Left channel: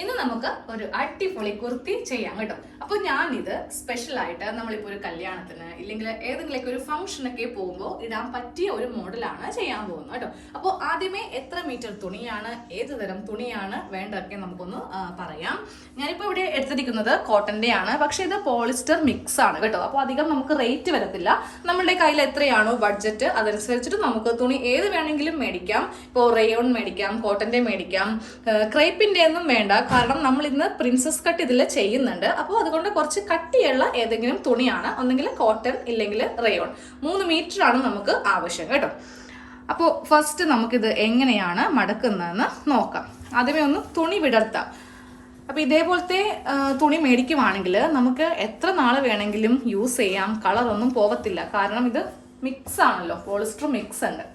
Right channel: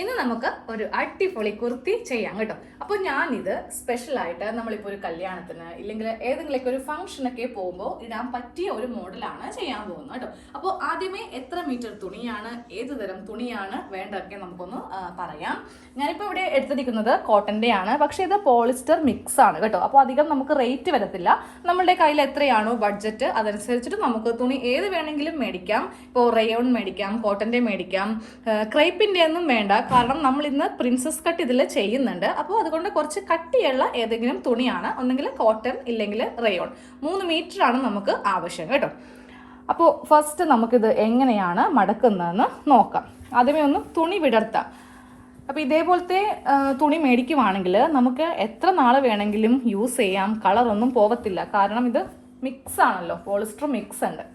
ഇന്ന് നമുക്ക് ഒരു അടിപൊളി കുർത്തി ചെയ്യാം കേട്ടോ. അപ്പൊ ഞാനിത് സ്പെഷ്യലായിട്ട് നമ്മളിപ്പോൾ ഒരു കല്യാണത്തിന് ഇല്ലെങ്കിൽ ഏതെങ്കിലുമൊക്കെ ഒരു ഫംഗ്ഷനൊക്കെ പോകുമ്പോൾ ഇടാൻ പറ്റിയ ഒരു മോഡലാണ് ചെയ്യാൻ പോകുന്നത് കേട്ടോ. അപ്പോൾ ആദ്യമേ എത്ര മീറ്റർ തുണിയാണ്, ഏത് തരം തുണിയാണ് വേണ്ടതൊക്കെ നമുക്കൊന്ന് പറയാം. ഞാനിപ്പോൾ ഇവിടെ എടുത്തിരിക്കുന്നത് കോട്ടന്റെ ആണ്, പക്ഷെ ഇത് പോളിസ്റ്റർ മിക്സ് ആണ് കേട്ടോ. അപ്പോൾ അധികം നമുക്ക് റേറ്റ് വരത്തില്ല. നമ്മളുടെ കയ്യിൽ എത്രയാണോ ബഡ്ജറ്റ് അതനുസരിച്ചിട്ട് നമുക്ക് തുണി ഏത് വേണമെങ്കിലും മേടിക്കാം. ഇപ്പോൾ റയോൺ മേടിക്കാം, കോട്ടന്റെ മേടിക്കാം, ക്രേപ്പിന്റെ ഒന്നും വേണ്ട. കാരണം നമ്മൾ ഇന്ന് പ്രിൻസസ് കട്ട് ഇതിൽ ചെയ്യുന്നുണ്ട്. അപ്പോൾ അതുകൊണ്ട് കുറച്ച് കട്ടിയുള്ള ഏതെങ്കിലും തുണിയാണ്, ഒന്നെങ്കിൽ കോട്ടൺ ഇല്ലെങ്കിൽ റയോൺ. 3 മീറ്റർ ആണ് നമുക്ക് ആവശ്യം കേട്ടോ. അപ്പോൾ ഫസ്റ്റ് നമുക്കിത് എങ്ങനെയാണ് മടക്കുന്നതെന്ന് നോക്കാം. ആദ്യമേ ഒന്ന് തുണി വിടർത്താം. അപ്പോൾ ഇതേപോലത്തെ തുണി മേടിക്കുവാണെങ്കിൽ നമുക്ക് എത്ര നാൾ വേണമെങ്കിലും യൂസ് ചെയ്യാം, കളറൊന്നും പോകത്തില്ല. കാരണം ഇത് മിക്സ് ആണല്ലോ, പോളിസ്റ്റർ മിക്സ് ഉണ്ട്.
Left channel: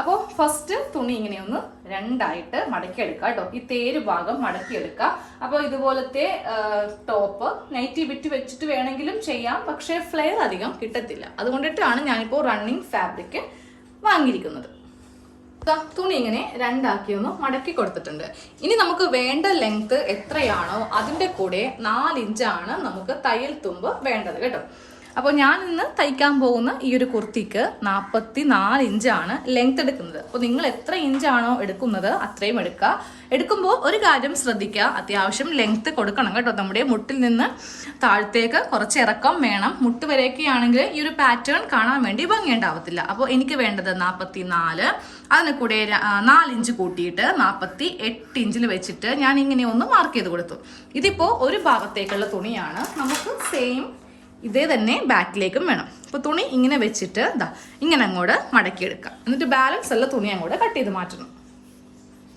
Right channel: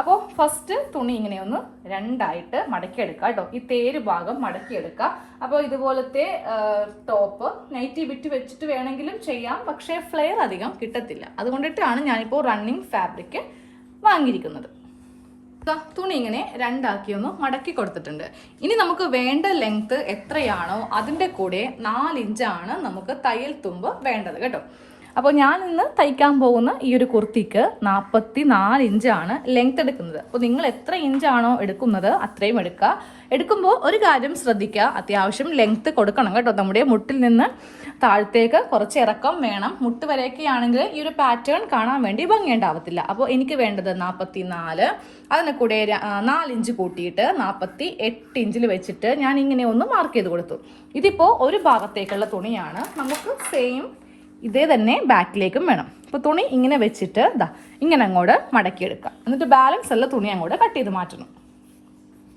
അപ്പോൾ ഫസ്റ്റ് തുണി ഇങ്ങനെ ഒന്ന് രണ്ടായിട്ട് മടക്കിയെടുക്കുക കേട്ടോ. ഈ തേര് ഭാഗം മടക്കിയെടുക്കുക. അപ്പോൾ ഇതുപോലത്തെ ടോപ്പ് നൈറ്റി ബിറ്റ് വെച്ചിട്ട് വേണമെങ്കിലും ചെയ്യാം, പക്ഷേ ഫ്ലെയർ അധികം കിട്ടത്തില്ല. അതുകൊണ്ടിട്ടാണ് ഞാനിപ്പോൾ റണ്ണിങ് ഫാബ്രിക് വാങ്ങിയിരിക്കുന്നത്. തുണി ഇങ്ങനെ രണ്ടാക്കി ഒന്ന് മടക്കി കൊടുത്തിട്ടുണ്ട്. ഇനി നമുക്ക് വേണ്ട ലെങ്ത് എത്രയാണോ അതിൻ്റെ കൂടെ 4 ഇഞ്ചാണ് നമുക്ക് തയ്യൽ തുമ്പ് വേണ്ടത് കേട്ടോ. അപ്പോൾ ഞാൻ ഇന്ന് തയ്ക്കാൻ പോകുന്ന ഈ ഒരു കുർത്തിക്ക് 44 ഇഞ്ചാണ് ലെങ്ത് എടുക്കുന്നത്. അപ്പോൾ നിങ്ങൾ എത്ര ഇഞ്ചാണോ എടുക്കുന്നത് അത്രയും എടുക്കുക. എടുക്കുമ്പോൾ ഒരു കാര്യം ശ്രദ്ധിക്കുക, അത്യാവശ്യം ലെങ്ത് കൊടുക്കണം കേട്ടോ. നമ്മുടെ മുട്ടിൽ നിന്ന് താഴത്തേക്ക് കുറച്ച് ഇറക്കം വേണം. മുട്ട് വരെയൊക്കെ ആണെങ്കിൽ ഈ ഒരു പാറ്റേൺ കാണാൻ വേണ്ടി ഭംഗിയുണ്ടാവത്തില്ല. അപ്പോൾ എനിക്ക് വേണ്ടത് 44, അതിന് കൂടെ 4 ഇഞ്ച് കൂട്ടിയിട്ട് 48 ഇഞ്ചിൽ വെച്ചിട്ട് ഞാൻ ഇങ്ങനെ ഒന്ന് മാർക്ക് ചെയ്ത് കൊടുത്തു. ഇതിപ്പോൾ ഒരു ഭാഗത്തേക്കുള്ള തുണിയാണ്. നമുക്ക് സെയിം ഇതേ തന്നെ ബാക്കിലേക്കും വേണം. അപ്പോൾ തുണി ഇങ്ങനെ വെച്ചിട്ട് ഇങ്ങനെ അങ്ങോട്ട് മടക്കിയെടുക്കാം. എന്നിട്ട് ബാലൻസ് ഉള്ള തുണി അങ്ങോട്ട് കട്ട് ചെയ്ത് മാറ്റണം.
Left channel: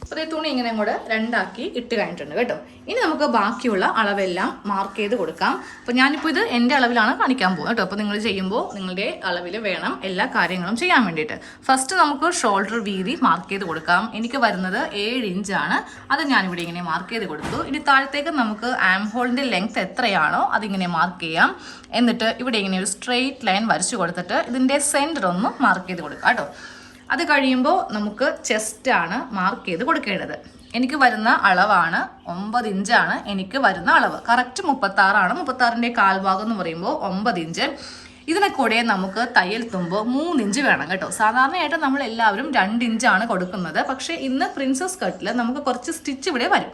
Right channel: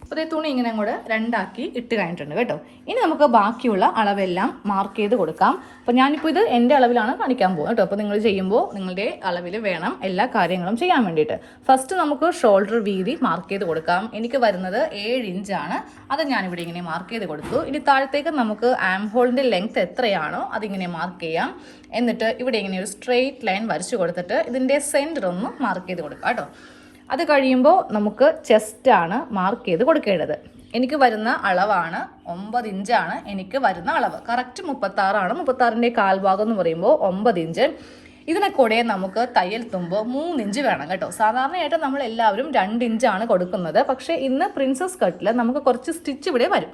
അപ്പോൾ ഈ തുണി ഇങ്ങനെ അങ്ങോട്ട് രണ്ടാക്കി ഇട്ട് കഴിഞ്ഞിട്ടുണ്ട് കേട്ടോ. ഇനി നമുക്ക് ബാക്കിയുള്ള അളവെല്ലാം മാർക്ക് ചെയ്ത് കൊടുക്കാം. അപ്പോൾ ഞാനിപ്പോൾ ഇത് എൻ്റെ അളവിലാണ് കാണിക്കാൻ പോകുന്നത് കേട്ടോ. അപ്പോൾ നിങ്ങൾ ചെയ്യുമ്പോൾ നിങ്ങളുടെ അളവിൽ വേണം എല്ലാ കാര്യങ്ങളും ചെയ്യാൻ വേണ്ടിയിട്ട്. ഫസ്റ്റ് നമുക്ക് ഷോൾഡർ വീതി മാർക്ക് ചെയ്ത് കൊടുക്കാം. എനിക്ക് വരുന്നത് 7 ഇഞ്ചാണ്. അത് ഞാനിവിടെ ഇങ്ങനെ മാർക്ക് ചെയ്ത് കൊടുത്തു. ഇനി താഴത്തേക്ക് നമുക്ക് ആം ഹോളിൻ്റെ ലെങ്ത് എത്രയാണോ അതിങ്ങനെ മാർക്ക് ചെയ്യാം. എന്നിട്ട് ഇവിടെ ഇങ്ങനെ ഒരു സ്ട്രെയിറ്റ് ലൈൻ വരച്ചു കൊടുത്തിട്ട് ഇതിൻ്റെ സെൻറ്റർ ഒന്ന് മാർക്ക് ചെയ്ത് കൊടുക്കാം കേട്ടോ. അത് കഴിയുമ്പോൾ നമുക്ക് ചെസ്റ്റാണ് മാർക്ക് ചെയ്ത് കൊടുക്കേണ്ടത്. എനിക്ക് വരുന്ന അളവാണ് 9 ഇഞ്ചാണ് എനിക്ക് വരുന്ന അളവ്. കറക്റ്റ് 36ആണ്. 36ൻ്റെ കാൽഭാഗം എന്ന് പറയുമ്പോൾ 9 ഇഞ്ച്. ഇതിനെ കൂടെ നമുക്ക് തയ്യൽ തുമ്പ് 3 ഇഞ്ച് വേണം കേട്ടോ. സാധാരണയായിട്ട് നമ്മൾ എല്ലാവരും 2 ഇഞ്ചാണ് കൊടുക്കുന്നത്. പക്ഷേ ഇന്ന് പ്രിൻസസ് കട്ടിൽ നമുക്ക് കുറച്ച് സ്റ്റിച്ച് ഇവിടെ വരും.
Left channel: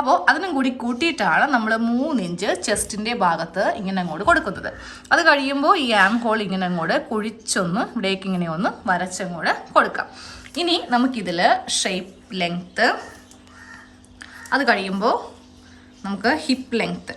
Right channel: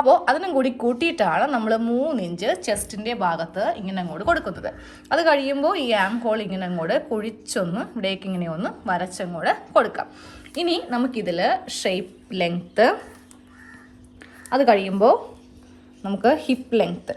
അപ്പോൾ അതിനും കൂടി കൂട്ടിയിട്ടാണ് നമ്മൾ 3 ഇഞ്ച് ചെസ്റ്റിൻ്റെ ഭാഗത്ത് ഇങ്ങനെ അങ്ങോട്ട് കൊടുക്കുന്നത്. അത് കഴിയുമ്പോൾ ഈ ആം ഹോൾ ഇങ്ങനെ അങ്ങോട്ട് കുഴിച്ചൊന്ന് ഇവിടേക്ക് ഇങ്ങനെ ഒന്ന് വരച്ചങ്ങോട്ട് കൊടുക്കാം. ഇനി നമുക്കിതിൽ ഷേപ്പ് ലെങ്ത്ത്, അത് കഴിയുമ്പോൾ നമുക്ക് ഹിപ്പ് ലെങ്ത്ത്,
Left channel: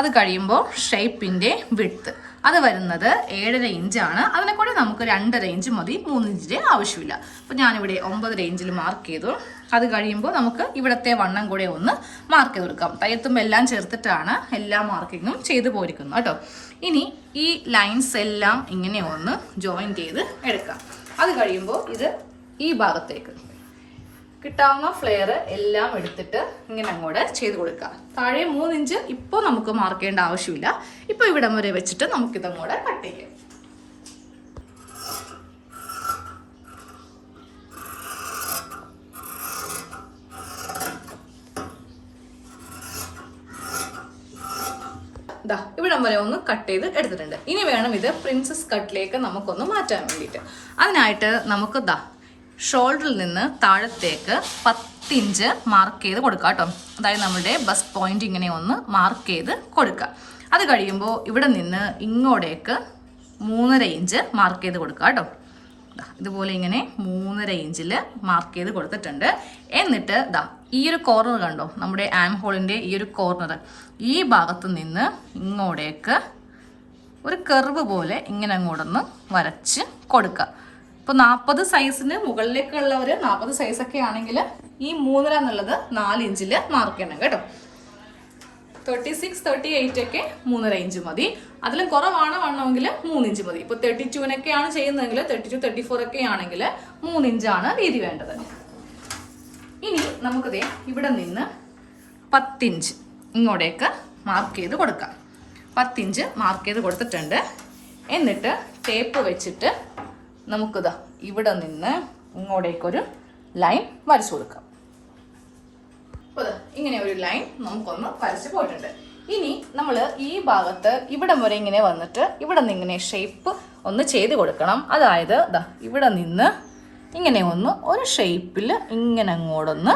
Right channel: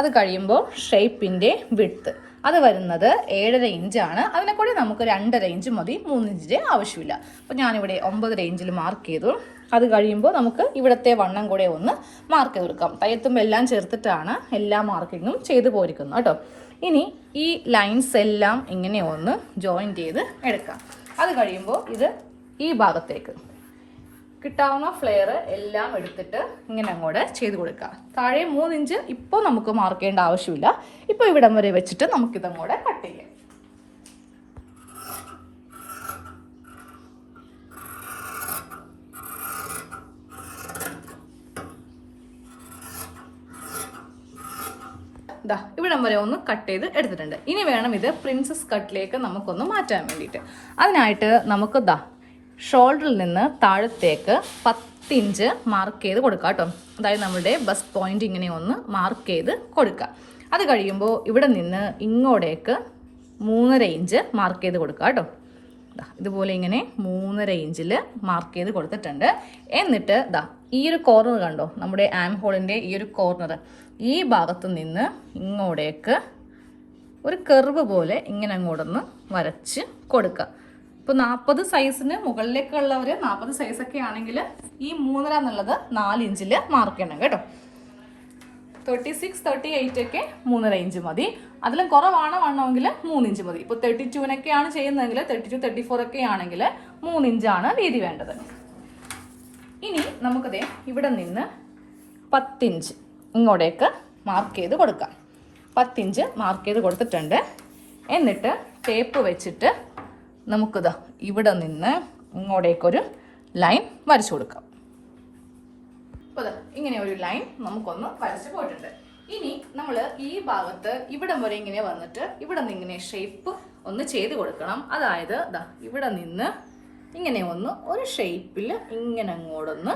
അത് കഴിയുമ്പോൾ ഷേപ്പിൻ്റെ വിഡ്ത്ത്, അത് വരുന്നത് 7.5 ഇഞ്ചാണ്. അതിനെ കൂടി നമുക്ക് 2.5 ഇഞ്ച് മതി, 3 ഇഞ്ചിൻ്റെ ആവശ്യമില്ല. അപ്പോൾ ഞാനിവിടെ 9.5 ഇഞ്ചിൽ മാർക്ക് ചെയ്തു. അത് കഴിയുമ്പോൾ നമുക്ക് ഇവിടുത്തെ വണ്ണം കൂടെ ഒന്ന് മാർക്ക് ചെയ്ത് കൊടുക്കാം. തയ്യത്തുമ്പോൾ എല്ലാം ചേർത്തിട്ടാണ് എല്ലാ മാർക്കിങ്ങും ചെയ്ത് പോയിരിക്കുന്നത് കേട്ടോ. ഇനി ഈ ലൈൻസ് എല്ലാം ഇങ്ങനെ ഒന്ന് ജോയിൻ ചെയ്ത് എടുക്കാം. അത് കഴിയുമ്പോൾ ഇത് ഈ ഭാഗത്തേക്ക് കിട്ടാവുന്ന ഫ്ലെയർ എല്ലാം എടുത്തിട്ട് ഇങ്ങനെ അങ്ങോട്ട് ചെയ്ത് കൊടുക്കാം. താഴെ 3 ഇഞ്ച് ഇപ്പോൾ നമുക്ക് മാർക്ക് ചെയ്യേണ്ട ആവശ്യമില്ല. ഇപ്പോൾ ഇവിടം വരെ വെച്ചിട്ട് നമുക്കിതങ്ങോട്ട് കട്ട് ചെയ്യാം. ഇവിടം വരെ ഒന്ന് കട്ട് ചെയ്ത് എടുത്തിട്ടുണ്ട്. ഇനി വേണം ഇത് പ്രിൻസസ് കട്ടിലേക്ക് നമുക്കൊന്ന് മാറ്റാൻ വേണ്ടിയിട്ട്. അതിനായിട്ട് നമുക്ക് ഷോൾഡറിൽ നിന്ന് താഴത്തേക്ക് 10 ഇഞ്ച് മാർക്ക് ചെയ്ത് കൊടുക്കുക കേട്ടോ. അതായത് നമ്മുടെ ബസ്റ്റ് പോയിന്റ് ഇങ്ങനെ ഒന്ന് മാർക്ക് ചെയ്ത് കൊടുക്കുക. അത് കഴിയുമ്പോൾ ഇവിടെ നിന്ന് ഇങ്ങോട്ടേക്ക് 3.5 ഇഞ്ച് മാർക്ക് ചെയ്ത് കൊടുക്കുക കേട്ടോ. ഇതുപോലെ ഇങ്ങനെ 3.5 ഇഞ്ചിൽ മാർക്ക് ചെയ്ത് കൊടുത്തിട്ടുണ്ട്. എന്നിട്ട് ഈ ഒരു കോർണർ കണ്ടോ, നമ്മുടെ ആം ഹോളിൻ്റെ ഈ ഒരു കോർണർ, ഈ ഭാഗത്ത് നിന്ന് ഇങ്ങോട്ടേക്ക് ഒരു കർവ് പോലെ ഇങ്ങനെ അങ്ങോട്ടൊന്ന് വരച്ച് കൊടുക്കുക. ഇപ്പോൾ 40 സൈസിന് മുകളിലേക്കുള്ളവർ 40 സൈസൊക്കെ ആണെങ്കിൽ ഈ 3.5 എന്നുള്ളത് 4 ഇഞ്ചിൽ മാർക്ക് ചെയ്യണം കേട്ടോ. 36, 38 ഒക്കെ 3.5 ഇഞ്ച് മതി. അതിലും കുറവാണ് വണ്ണമെങ്കിൽ 3 ഇഞ്ച് മതി. ഇപ്പോൾ 32-നൊക്കെയാണ് ചെയ്യുന്നതെങ്കിൽ 32, 34 ഒക്കെ ആണെങ്കിൽ 3 ഇഞ്ചാണ് വീതി വേണ്ടത്. ഇനി നമുക്കതേ ഇവിടെ നിന്ന് 10 ഇഞ്ച് ഇങ്ങോട്ടേക്ക് മാർക്ക് ചെയ്ത് കൊടുക്കാം. 10 ഇഞ്ച് മാർക്ക് ചെയ്ത് കൊടുത്തിട്ടുണ്ട്. എന്നിട്ട് ടേപ്പ് വെച്ചിട്ട് നമുക്കിത് ഇവിടെ നിന്ന് ഇങ്ങോട്ടേക്കൊരു ലൈൻ വരച്ചു കൊടുക്കാം. ഇങ്ങനെ ഒരു ലൈൻ നമുക്കൊന്ന് വരച്ച് പോയിട്ടുണ്ട്. ഇനി നമ്മൾ ഈ ഭാഗത്ത് ഇവിടം വരെ ഇങ്ങനെ വന്നിട്ട് ഇവിടെ നിന്ന് ഇങ്ങനെ ഷേപ്പ് ഒന്ന് ചെയ്ത് കൊടുക്കണം. അതായത് ദാ ഇവിടെ നിന്ന് ഇങ്ങനെ ഒന്ന് ഒരു ഷേപ്പിൽ ഇങ്ങനെ അങ്ങോട്ടൊന്ന്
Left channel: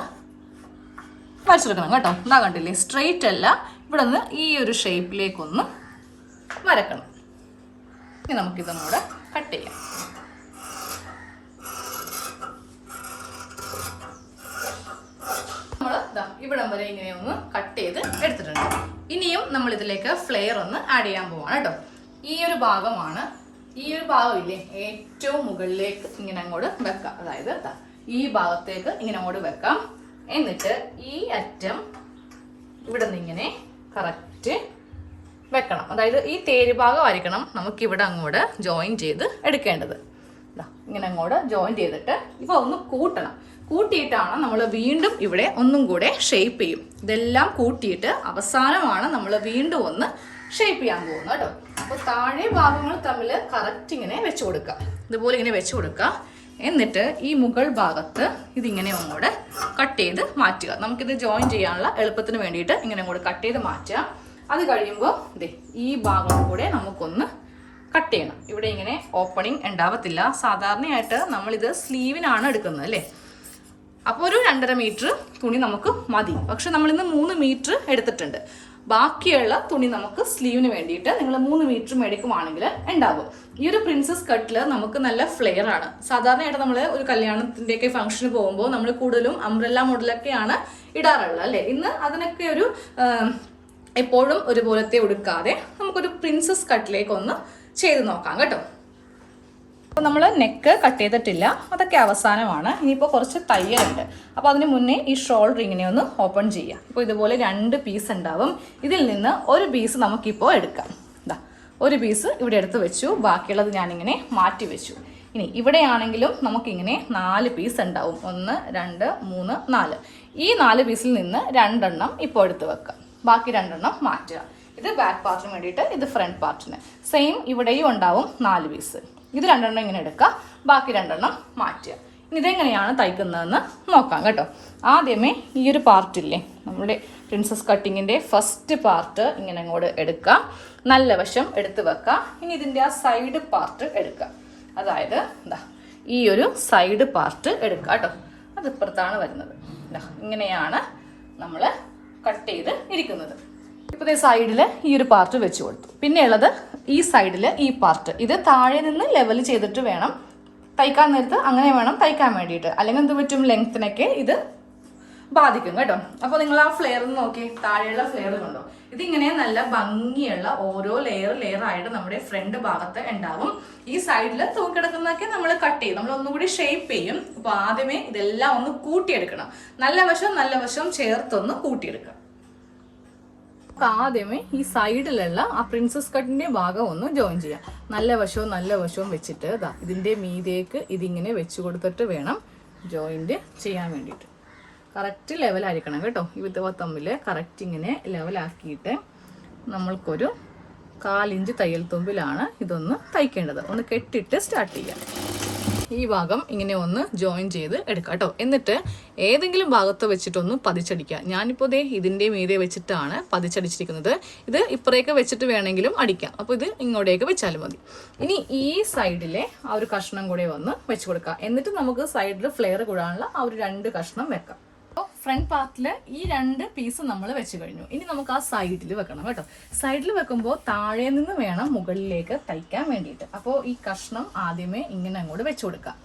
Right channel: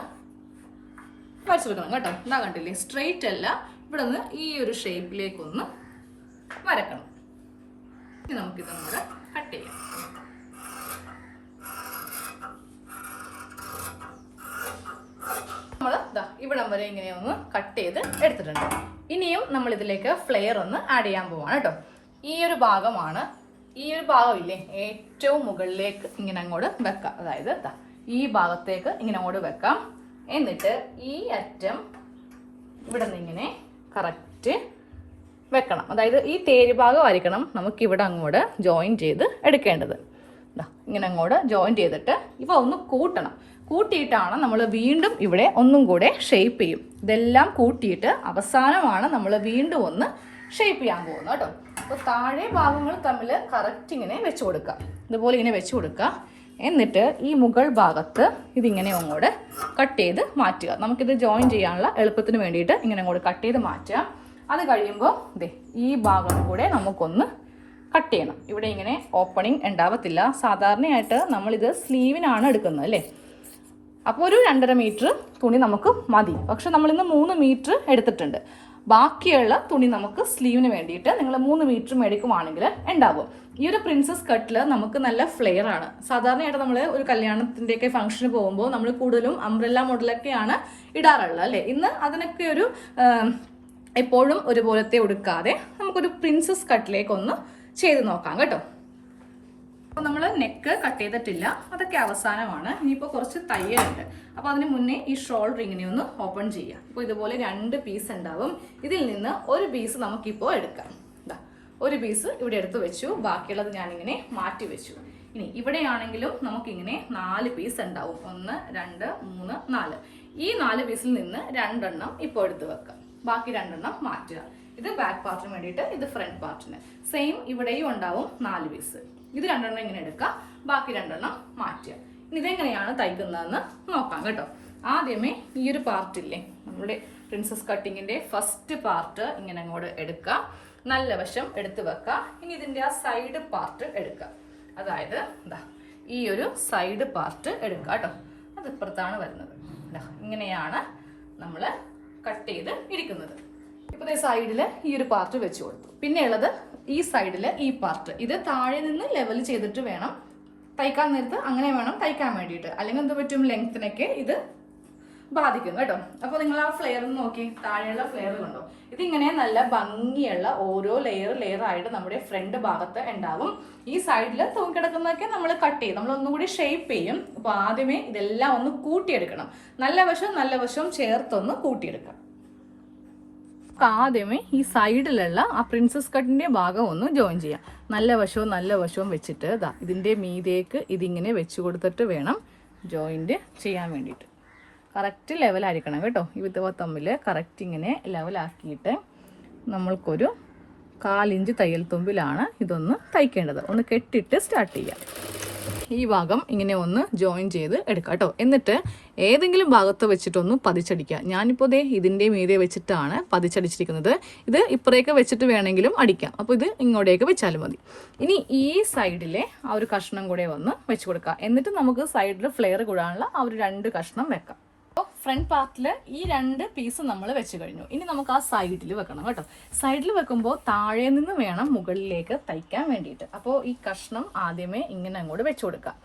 വരച്ചെടുക്കണം കേട്ടോ. എന്താ കണ്ടില്ലേ, സ്ട്രെയിറ്റ് അല്ല, ഇവിടെ നിന്ന് ഈ ഒരു ഷേപ്പിലേക്കൊന്ന് വരക്കണം. ഇനി നമുക്കിതും കൂടെ കട്ട് ചെയ്യാം. നമ്മൾ ഇവിടം വരെ ഇങ്ങനെ ഒന്ന് കട്ട് ചെയ്ത് എടുത്തിട്ടുണ്ട്. ഇനിയും നമ്മൾ ഇതിലേക്ക് ഫ്ലെയർ ഒന്ന് ആഡ് ചെയ്യാൻ പോവാണ് കേട്ടോ. ഈ ഒരു ഭാഗമാണ്, ഈ ഒരു ഭാഗമില്ലേ ഏറ്റവും മുകളിലേക്ക് ഇങ്ങനെ അങ്ങോട്ട് വെക്കാം. അതായത് ഈ ഭാഗത്തേക്ക് ഇങ്ങനെ അങ്ങോട്ട് വെക്കാം. എന്നിട്ട് ഈ അറ്റം ഇവിടെ നിന്ന് ഇങ്ങനെ കറക്റ്റ് വെക്കണം. അതായത് ഈ തേര് ഭാഗമായിരിക്കണം നമുക്കിവിടെ അങ്ങോട്ട് ജോയിൻ ചെയ്ത് എടുക്കേണ്ടത്. ഇങ്ങനെ അങ്ങോട്ട് ജോയിൻ ചെയ്തിട്ട് ഇവ ഒന്ന് കൂട്ടണം. കൂട്ടിയിട്ടാണ് നമ്മൾ വീണ്ടും ഇവിടെ ഒന്നും കൂടെ ഷേപ്പ് ചെയ്യും. ഇതെല്ലാം കൂട്ടിയിട്ട് അവസാനമാണ് നമ്മൾ വീണ്ടും ഒന്ന് ഷേപ്പ് ചെയ്യാൻ പോകുന്നത് കേട്ടോ. അപ്പോൾ താഴെ ഭാഗങ്ങൾ തമ്മിൽ കറക്റ്റ് ഇങ്ങനെ വെച്ച് കൊടുക്കുക. ഇതുപോലെ ഇങ്ങനെ വെച്ച് കൊടുക്കുക. എന്നിട്ട് ഈ മുകൾ ഭാഗത്ത് ഇതിങ്ങനെ അങ്ങോട്ട് കട്ട് ചെയ്ത് മാറ്റുക. നമുക്കിത് ജോയിൻ ചെയ്യാനുള്ള എളുപ്പത്തിന് വേണ്ടിയിട്ട് ഇങ്ങനെ അങ്ങോട്ട് കട്ട് ചെയ്ത് മാറ്റുക. അത് കഴിയുമ്പോൾ ഈ ഭാഗം കൂടെ നമുക്കൊന്ന് കട്ട് ചെയ്യണം. ഇവിടെ ഇങ്ങനെ ഓപ്പണിങ് ഉണ്ടാവത്തില്ല. സാധാരണയായിട്ട് നമ്മളിത് സ്ലീവിനാണ് എടുക്കുന്നത് അല്ലേ. അപ്പോൾ ഒരു 2.5 മീറ്റർ തുണി നമുക്ക് മതി. പക്ഷെ നമ്മളിന്ന് 3 മീറ്റർ എടുത്തിട്ടുണ്ട്. ബാക്കിയുള്ള തുണി നമുക്ക് സ്ലീവിന് വേണ്ടിയിട്ട് നിങ്ങൾ 3 മീറ്റർ മേടിക്കുവാണെങ്കിൽ ഉണ്ടാകും. ഈ ഒരു പ്രിൻസസ് കട്ടിൽ നമുക്ക് നല്ല ഫ്ലെയർ ആണ്. സാധാരണയായിട്ട് നമ്മൾ ഒരു കല്യാണത്തിൻ്റെയൊക്കെ ഫംഗ്ഷന് പോകുമ്പോൾ നമ്മൾ കൂടുതലും അംബ്രല്ല മോഡലൊക്കെയാണ് ഇടാറുള്ളത് അല്ലേ. ഇന്ന് അതിനൊക്കെ ഒരു എപ്പോഴും ഒരുപോലത്തെ ഉടുക്കാതെ നമുക്കൊരു പ്രിൻസസ് കട്ടിലേക്ക് ഒന്ന് ചെയ്ത് നോക്കാം കേട്ടോ. അപ്പോൾ നമ്മൾ നെക്ക് കട്ട് ചെയ്തിട്ടില്ല, അതൊക്കെ അവസാനമാണ്. ഇനിയിപ്പോൾ കുറച്ച് തയ്യലുണ്ട്. അപ്പോൾ അതിന് മുന്നേ ഈ ഷോൾഡർ ഇങ്ങനെ ഒന്ന് ഓപ്പൺ ചെയ്യാം. അപ്പോൾ ഇതുപോലെ 2 പീസ് ഉണ്ടാവും. ഇതിൽ നിന്ന് ഒരു പീസ് നമുക്കിപ്പോൾ എടുക്കാം. ഇതാ ഒരു പീസ് ഇവിടെ എടുത്ത് വെച്ചു, ബാക്കിയുള്ളത് ഞാനിങ്ങനെ മാറ്റി വെച്ചു. ഇനി ഇവിടെയാണെങ്കിലും നമുക്കിങ്ങനെ 4 പീസ് ഉണ്ടാവും. 1 2 3 4. ഈ 4 പീസിൽ നിന്ന് 2 എണ്ണം ഇപ്പോൾ എടുത്ത് വെക്കാം, ബാക്കി 2 എണ്ണം മാറ്റുക. ഇത് ബാക്ക് പാർട്ടിന് വേണ്ടിയിട്ട്, ഇത് ഫ്രണ്ട് പാർട്ടിന്. സെയിം ഇവിടെയും ഉണ്ടാവും 4 പീസ്. ഇത് 2 എണ്ണം ഇങ്ങനെ എടുക്കുക, ബാക്കി 2 എണ്ണം മാറ്റുക. ഇനി ഇതെങ്ങനെയാണ് തയ്ക്കുന്നതെന്ന് നോക്കാം കേട്ടോ. ആദ്യമേ ഈ ഒരു പാർട്ടില്ലേ, നമ്മുടെ പ്രിൻസസ് കട്ടിങ്ങിൻ്റെ ഫസ്റ്റ് പാർട്ട് ഇങ്ങനെ അങ്ങോട്ട് എടുക്കുക, നല്ല വശം എടുത്ത് വെക്കുക. ഇനി ഇതിൻ്റെ ആ സൈഡ് പാർട്ട് എടുക്കുക. അതായത് എന്താ ഈ ഒരു സൈഡ് പാർട്ട് എടുക്കുക കേട്ടോ. അത് ഇപ്പുറത്താണ് വരുന്നത്. ഇങ്ങനെയാണ് നമ്മൾ കട്ട് ചെയ്ത് ഇരിക്കുന്നത്. ഇപ്പോൾ ഈ സൈഡിൽ ഈ ഒരു പാർട്ട് വെച്ച് കൊടുത്തു. പിന്നെ ഉള്ളത് ഈ സൈഡിൽ ഈ പാർട്ട്. ഇത് താഴെ നിന്ന് ലെവൽ ചെയ്തിട്ട് വേണം തയ്ക്കാൻ നേരത്ത്, അങ്ങനെ വേണം തയ്ക്കാൻ വേണ്ടിയിട്ട്. അല്ലെങ്കിൽ എന്ത് പറ്റും, ലെങ്ത്തിനൊക്കെ ഇത് ബാധിക്കും കേട്ടോ. അപ്പോൾ നിങ്ങൾ ആ ഫ്ലെയർ നോക്കി, താഴെയുള്ള ഫ്ലെയർ കണ്ടോ. ഇതിങ്ങനെ നല്ല ഭംഗിയുള്ള ഓരോ ലെയർ ആയിട്ട് നമ്മുടെ ഫ്രണ്ട് ഭാഗത്ത് ഉണ്ടാവും. ഈ സൈഡിൽ തൂക്കിടക്കുന്നതൊക്കെ നമ്മൾ കട്ട് ചെയ്യും, നമ്മൾ ഒന്നും കൂടി ഷേപ്പ് ചെയ്യും. അപ്പോൾ ആദ്യമേ ഇതെല്ലാം ഒന്ന് കൂട്ടിയെടുക്കണം. നല്ല വശം ചേർത്തൊന്ന് കൂട്ടിയെടുക്കണം. ആദ്യമേ ഈ സൈഡിലുള്ള ആ പ്രിൻസസ് കട്ടിന്റെ ഭാഗം ഒന്ന് ജോയിൻ ചെയ്യാം. നല്ല വശവും വെച്ചിട്ട് ഇതിന്റെ മീതേക്ക് ഇതിങ്ങനെ വെച്ച് കൊടുത്തിട്ട് വേണം ജോയിന്റ് ചെയ്യാൻ വേണ്ടിയിട്ട്. കറക്റ്റ് ലെവലായിരിക്കണം കേട്ടോ. ഇത് തമ്മിൽ കറക്റ്റ് ഇങ്ങനെ ലെവലാക്കിയിട്ട് നമ്മൾക്കൊരു 1/4 ഇഞ്ച് തയ്യൽ തുമ്പിലാണ് ഇതൊന്ന് തയ്ക്കേണ്ടത്. ഒന്ന് കെട്ടിട്ട് സ്റ്റാർട്ട് ചെയ്യാം. ഈ ഭാഗം ഇങ്ങനെ ഒന്ന് ജോയിൻ ചെയ്ത് എടുക്കാം കേട്ടോ. എന്നിട്ട് ഏതെങ്കിലും ഭാഗത്ത് വെച്ചിട്ടൊന്ന് പതിച്ചടിക്കുക. ഞാനിപ്പോൾ ഇതിൻ്റെ മീതെ വെച്ചിട്ടാണ് പതിച്ചടിച്ചിരിക്കുന്നത്. ഇത് ഇപ്പുറേക്ക് വെച്ചിട്ട് വേണമെങ്കിലും അടിക്കാം. അപ്പോൾ ഇത് ഇങ്ങോട്ടേക്ക് വെച്ചാലും മതി. ഇനി ഈ സൈഡിലെ ആ ഒരു കഷ്ണം കൂടെ ഒന്ന് വെച്ച് കൊടുക്കുക. എന്നിട്ട് നമുക്ക് സൈഡിൽ ഫ്ലെയർ കൂടാനുള്ള ആ ഒരു 2 കഷ്ണം വെക്കാം. അപ്പോൾ ഫ്രണ്ട് പാർട്ടിൽ ഈ 2 പീസ് നമ്മൾ വെച്ച് കഴിഞ്ഞു. ഇനി നമുക്ക് ആ സൈഡിൽ വെക്കണം കേട്ടോ. സൈഡിൽ വെക്കുമ്പോൾ താഴെ നിന്ന് വേണം മുകളിലേക്ക് തയ്ക്കാൻ വേണ്ടിയിട്ട്. അപ്പോൾ ഈ കഷ്ണം ആദ്യമേ ഇങ്ങനെ അങ്ങോട്ട് വെച്ച് കൊടുക്കാം.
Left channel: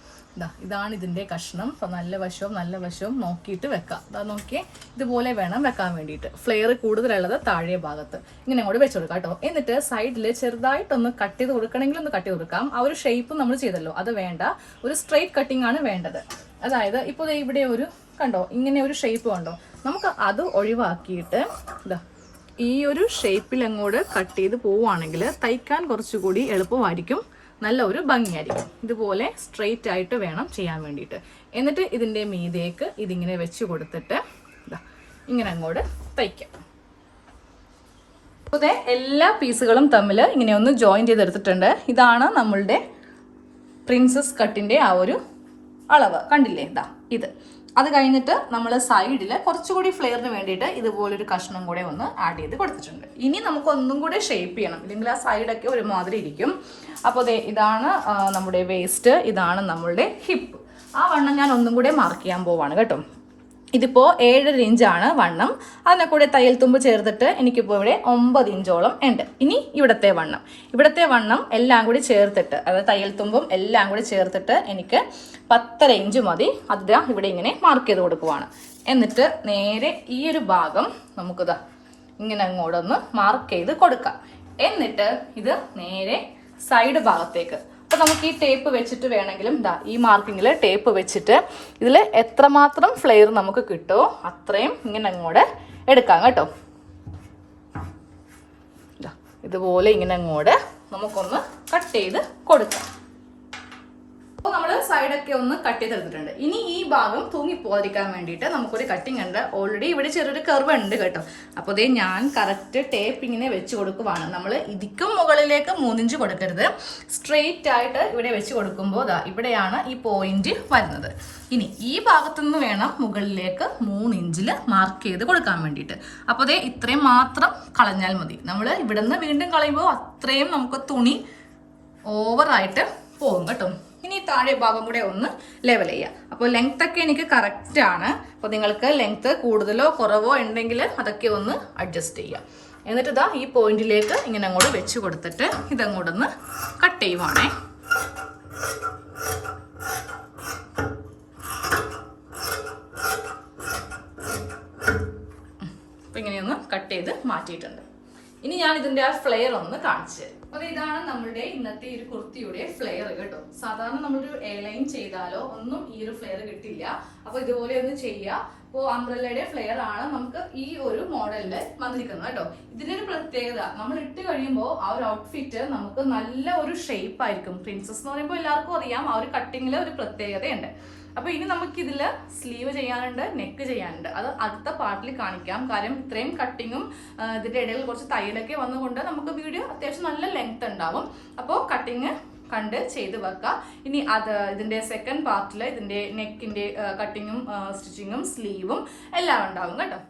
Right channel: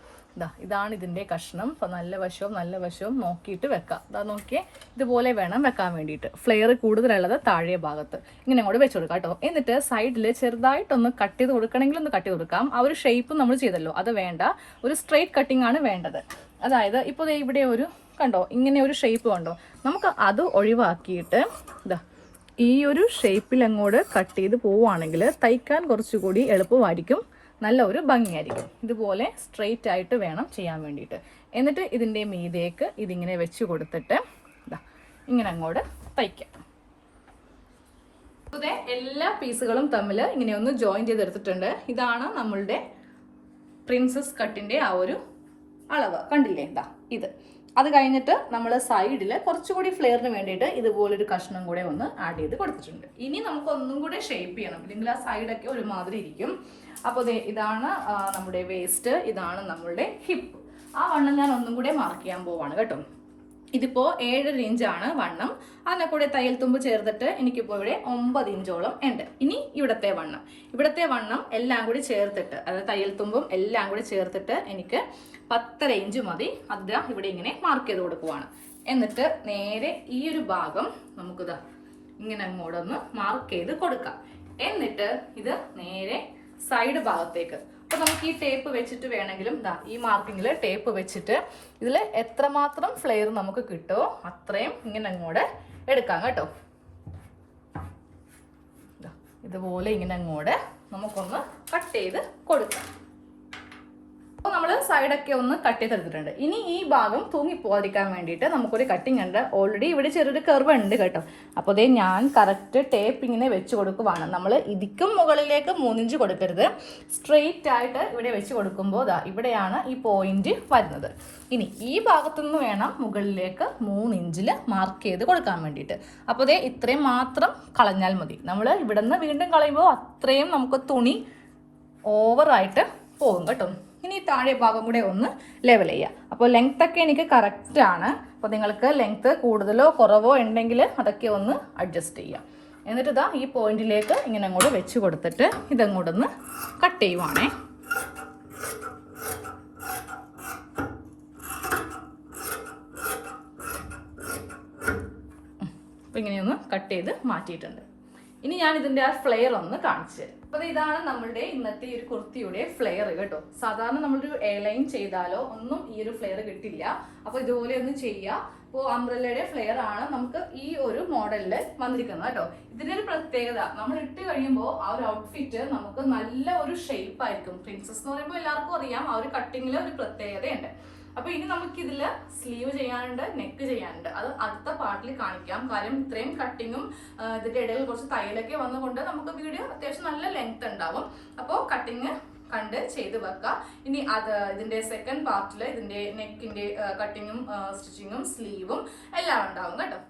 ഇതാണ് ഇതിൻ്റെ കഷ്ണം. അപ്പോൾ നല്ല വശവും നോക്കിയിട്ട് വെക്കാം. നോക്കിയേ, ഇതുപോലെ വേണം വെക്കാൻ വേണ്ടിയിട്ട്. ഫ്ലെയർ കൂടുതലുള്ളത് താഴെ ഭാഗത്ത് ഇങ്ങനെ അങ്ങോട്ട് വെച്ച് കൊടുക്കാം കേട്ടോ. എന്നിട്ട് സൈഡിൽ ചെറുതായിട്ടൊന്ന് കട്ട് ചെയ്ത് കൊടുക്കണമെങ്കിൽ ഒന്ന് കട്ട് ചെയ്ത് കൊടുക്കാം. ആ ഒരു ഷേപ്പ് നമ്മൾ ചെയ്തല്ലോ, അത് വേണ്ട. ഒരു സ്ട്രെയിറ്റ് കട്ടിംഗ് ആണ് വേണ്ടത്. അതായത് ഇപ്പോൾ ഇവിടെ ഒരു കണ്ടോ, ഇങ്ങനെ ഒരു ഷേപ്പ് കണ്ടോ, നമുക്ക് അത് ഒഴിവാക്കിയിട്ട് ഈ ഒരു ഷേപ്പിൽ അങ്ങോട്ട് കട്ട് ചെയ്ത് പോവുകയാണെങ്കിൽ തയ്ക്കാൻ കുറച്ചുകൂടി എളുപ്പമായിരിക്കും, നല്ല ഒരു ഭംഗിയായിരിക്കും. ഇതുപോലെ സ്ട്രെയിറ്റ് ആയിട്ട് വേണം ചെയ്യാൻ വേണ്ടിയിട്ട്. എന്നിട്ട് ഇതിൻ്റെ മീതേക്ക് ഇതിങ്ങനെ വെച്ച് കൊടുത്തിട്ട് ഇങ്ങനെ അങ്ങോട്ട് തയ്ക്കാം. അപ്പോൾ എല്ലാ പീസുകളും തമ്മിൽ ഇങ്ങനെ ഒന്ന് ജോയിൻ ചെയ്തെടുത്തിട്ടുണ്ട്. ഇതാണ് നമ്മളുടെ പ്രിൻസസ് കട്ടിൻ്റെ ആ ഒരു അളവ്. കണ്ടില്ലേ, ഇത് അത് കഴിഞ്ഞിട്ട് നമ്മൾ സൈഡിൽ കുറച്ചുകൂടി ഫ്ലെയറിന് വേണ്ടിയിട്ട് ഇതുപോലൊരു കഷ്ണം കൂടെ ഒന്ന് ആഡ് ചെയ്ത് കൊടുത്തിട്ടുണ്ട്. ഇനി നമുക്ക് ഒന്നും കൂടെ ഷേപ്പ് ചെയ്യണം, ഇല്ലെങ്കിൽ ആ സൈഡൊക്കെ ഒരുമാതിരി ഇരിക്കും. അപ്പോൾ ഇതാണ് നമ്മുടെ വേസ്റ്റ്, ഇതാണ് നമ്മളുടെ ഹിപ്പ്. ആ വണ്ണം ഞാൻ ഒന്നും കൂടെ മാർക്ക് ചെയ്യാൻ പോവാണ് കേട്ടോ. ഇതിപ്പോൾ 7.5 ഇഞ്ചാണ് വണ്ണം. അതിനെ കൂടെ തയ്യൽ തുമ്പ് ചേർത്തിട്ട് എനിക്കിപ്പോൾ ഇവിടെ 9 ഇഞ്ചോളം ഉണ്ട്. ഇനി ഇവിടത്തെ വണ്ണം എല്ലാം കൂടി ചേർത്തിട്ട്, അതായത് തയ്യൽ തുമ്പും എല്ലാം കൂടി ചേർത്തിട്ട് എനിക്ക് 10.5 ഇഞ്ച് മതി. അത് ഇവിടെ ഇങ്ങനെ മാർക്ക് ചെയ്ത് കൊടുക്കുവാണ്. എന്നിട്ട് നേരെ ഈ ഒരു ഭാഗം നമുക്കിതാ ഇങ്ങനെ അങ്ങോട്ടൊന്ന് മാർക്ക് ചെയ്ത് കൊടുക്കാം. എന്നിട്ട് ഇത് നേരെ സൈഡ് ഭാഗത്തേക്ക്, അപ്പോൾ നമുക്ക് ഈ ടേപ്പ് വെച്ചിട്ട് വേണമെങ്കിലും ഈ മാർക്കിങ്ങിൽ ടേപ്പ് വെച്ചിട്ട് ഇതിൽ എത്രമാത്രം ഫ്ലെയർ നമുക്ക് കിട്ടുമോ അത്രയും ഇങ്ങനെ അങ്ങോട്ട് എടുക്കാം കേട്ടോ. ഇതുപോലെ ഇങ്ങനെ അങ്ങോട്ട് നമുക്കൊന്ന് കട്ട് ചെയ്ത് കൊടുക്കാം. അപ്പോൾ നമ്മൾ സൈഡൊക്കെ ഒന്ന് കട്ട് ചെയ്തെടുത്തിട്ടുണ്ട്. ഇനി ഈ ഭാഗം തൂങ്ങിപ്പോകാതിരിക്കാൻ വേണ്ടിയിട്ട് നമുക്കൊരു കട്ടിങ് ഉണ്ട്. ഓൾറെഡി ഇവിടെ ചെറിയൊരു കർവ് ഉണ്ട് കേട്ടോ. അപ്പോൾ ഞാൻ കറക്റ്റ് ടേപ്പ് ഇങ്ങനെ വെച്ച് കൊടുക്കുവാണ്. നമ്മൾ ഇതിക്കും മുകളിലേക്ക് 3 ഇഞ്ച് കൊടുക്കരുത്, സ്ട്രെയിറ്റ് ആയിട്ട് ഇവിടെ വെച്ച് കൊടുക്കുമ്പോൾ ഇവിടെയാണ് ഈ പോയിന്റ് വരുന്നത്. ഇനി ഈ ഭാഗത്തുനിന്ന് വേണം മുകളിലേക്ക് 3 ഇഞ്ചിൽ മാർക്ക് ചെയ്ത് കൊടുക്കാൻ വേണ്ടിയിട്ട്. അപ്പോൾ ഇത്രയും മാത്രം കളഞ്ഞാൽ മതി. നമ്മൾ ഇവിടെ നിന്ന് വീണ്ടും കളയുമ്പോൾ അത്രയും നമുക്ക് തുണി ഓവറായിട്ട് പോകും കേട്ടോ. ഇനി താഴെ ഭാഗം കൂടെ ഒന്ന് ലെവൽ ചെയ്യുക. അപ്പോൾ ലെങ്ത് ഒക്കെ എനിക്ക് കറക്റ്റ് ആണ്. അപ്പോൾ നിങ്ങൾക്ക് ലെങ്ത് കൂടുതലോ കുറവോ ഉണ്ടെങ്കിൽ അതൊക്കെ ഒന്ന് അഡ്ജസ്റ്റ് ചെയ്യുക. എന്നിട്ട് ഈ പോയിന്റിലേക്ക് ഇങ്ങനെ അങ്ങോട്ട് വെച്ച് കൊടുത്തിട്ട് ഇതങ്ങോട്ടൊന്ന് കട്ട് ചെയ്യുവാണേ. അപ്പോൾ ഇങ്ങനെയൊന്ന് കട്ട് ചെയ്ത് മാറ്റിയിട്ടുണ്ട്. ഇനി ഞാൻ ഇതിന്റെ ആ ഫ്ലെയർ ഒന്ന് കാണിച്ചു തരാം. അപ്പൊ ഇതാണ് നമ്മളുടെ ഇന്നത്തെ ഈ ഒരു കുർത്തിയുടെ ഫ്ലെയർ കേട്ടോ. സാധാരണ നമ്മളൊരു എയർലൈൻ ചെയ്താലോ ഒന്നും ഈ ഒരു ഫ്ലെയർ കിട്ടില്ല. അപ്പൊ ഇതുപോലെ ഒന്ന് ചെയ്യുക. അപ്പോൾ അംബ്രല്ലയുടെ ഫ്ലെയർ ആണ് നമുക്ക് ഈ ഒരു മോഡലില് വന്നിരിക്കുന്നത് കേട്ടോ. ഇതിന്റെ ഒരു പ്രത്യേകത, നമ്മൾ ഇട്ട് കഴിയുമ്പോൾ ആ ഒരു ഔട്ട്ഫിറ്റ് നമുക്ക് നല്ല ഒരു ഷേപ്പ് ആയിരിക്കും. പ്രിൻസസ് എന്ന് പറയുമ്പോൾ എല്ലാവർക്കും അറിയാം ആ ഒരു കട്ടിങ്ങില് ഒരു പ്രത്യേകതയുണ്ട്. അപ്പൊ ഇനി നമുക്ക് ഇതില് സ്ലീവ് ചെയ്യാനുണ്ട്, നെക്ക് ചെയ്യാനുണ്ട്. അത് അടുത്ത പാർട്ടിൽ കാണിക്കാം. കാര്യം ഇത്രയും കട്ടിങ്ങും ഇതിന്റെ ഇടയിൽ കുറച്ച് തയ്യലൊക്കെ വന്നുകൊണ്ട് നമുക്ക് വീഡിയോ അത്യാവശ്യം നല്ല ലെങ്ത് ഉണ്ടാവും. അപ്പോൾ കട്ടിങ് കണ്ട് ചെയ്ത് വെക്കാം. ഇനി ഇതിന്റെ സെക്കൻഡ് പാർട്ടിൽ ഇതിന്റെ നെക്കിന്റെ കട്ടിങ്ങും സ്റ്റിച്ചിങ്ങും സ്ലീവും എല്ലാം ഉണ്ടാവും കേട്ടോ.